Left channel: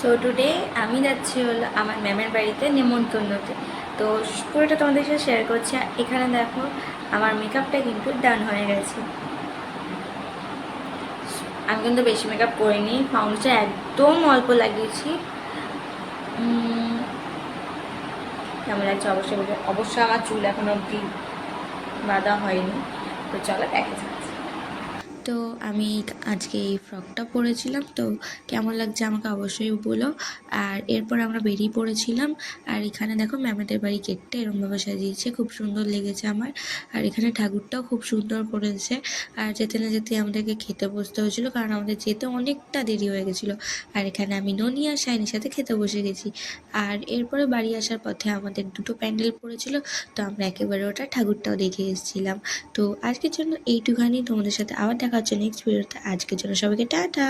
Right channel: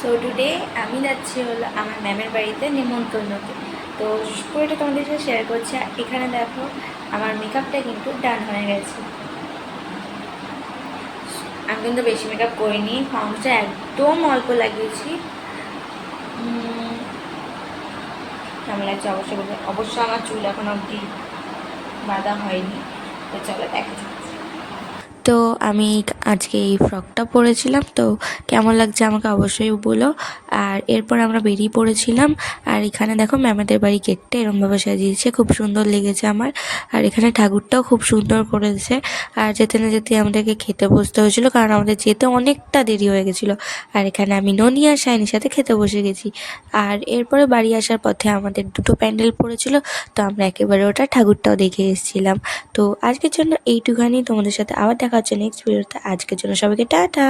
So today আমি যাচ্ছি হলো আমার ম্যামের বাড়িতে নেমন্তন্নতে। তো পুরোটা তোমাদের সাথে শেয়ার করছি। আর এখানে দেখো আমার মেকআপটা কিন্তু ডান হয়ে গেছে। আমি কিন্তু বেশি মেকআপ করিনি, ফাউন্ডেশন একদম অল্প লাগিয়েছি। কেমন লাগছে অবশ্যই বলবে। অবশ্য আমার চুল এখন অবধি বাঁধা হয়নি। তো চলো দেখা যাক। তো আমি আজকে এই ফ্রকটা পরেছিলাম, তো কেমন লাগছে আমাকে অবশ্যই বলো। আর এরপর আমরা বেরিয়ে পড়েছিলাম। আর এখানে দেখো ম্যামেদের বাড়ি গেটটা এরমভাবে সাজিয়েছে, খুব সুন্দর লেগেছে আমার। আর এখানে ঠাকুরটাও খুব সুন্দর করেছে। আর যেতে না যেতে আমাদেরকে খেতে বসতে হয়েছিল, কারণ আমাদের যেতে অনেকটা দেরি হয়ে গেছিলো। আর এখানে আমি ননি আর শাইনির সাথে খেতে বসে গেছি। আর এরপরে বাড়ি আসার পথে আমাদের দুটো প্যান্ডেল পড়েছিল, তো আমরা একেবারে ওটা ঠাকুরটাও দেখে এসেছিলাম। তো আজকের জন্য এইটুখানি, তোমাদের সাথে আবার দেখা হচ্ছে নেক্সট ভিডিওতে। আজকের জন্য সবাইকে টাটা।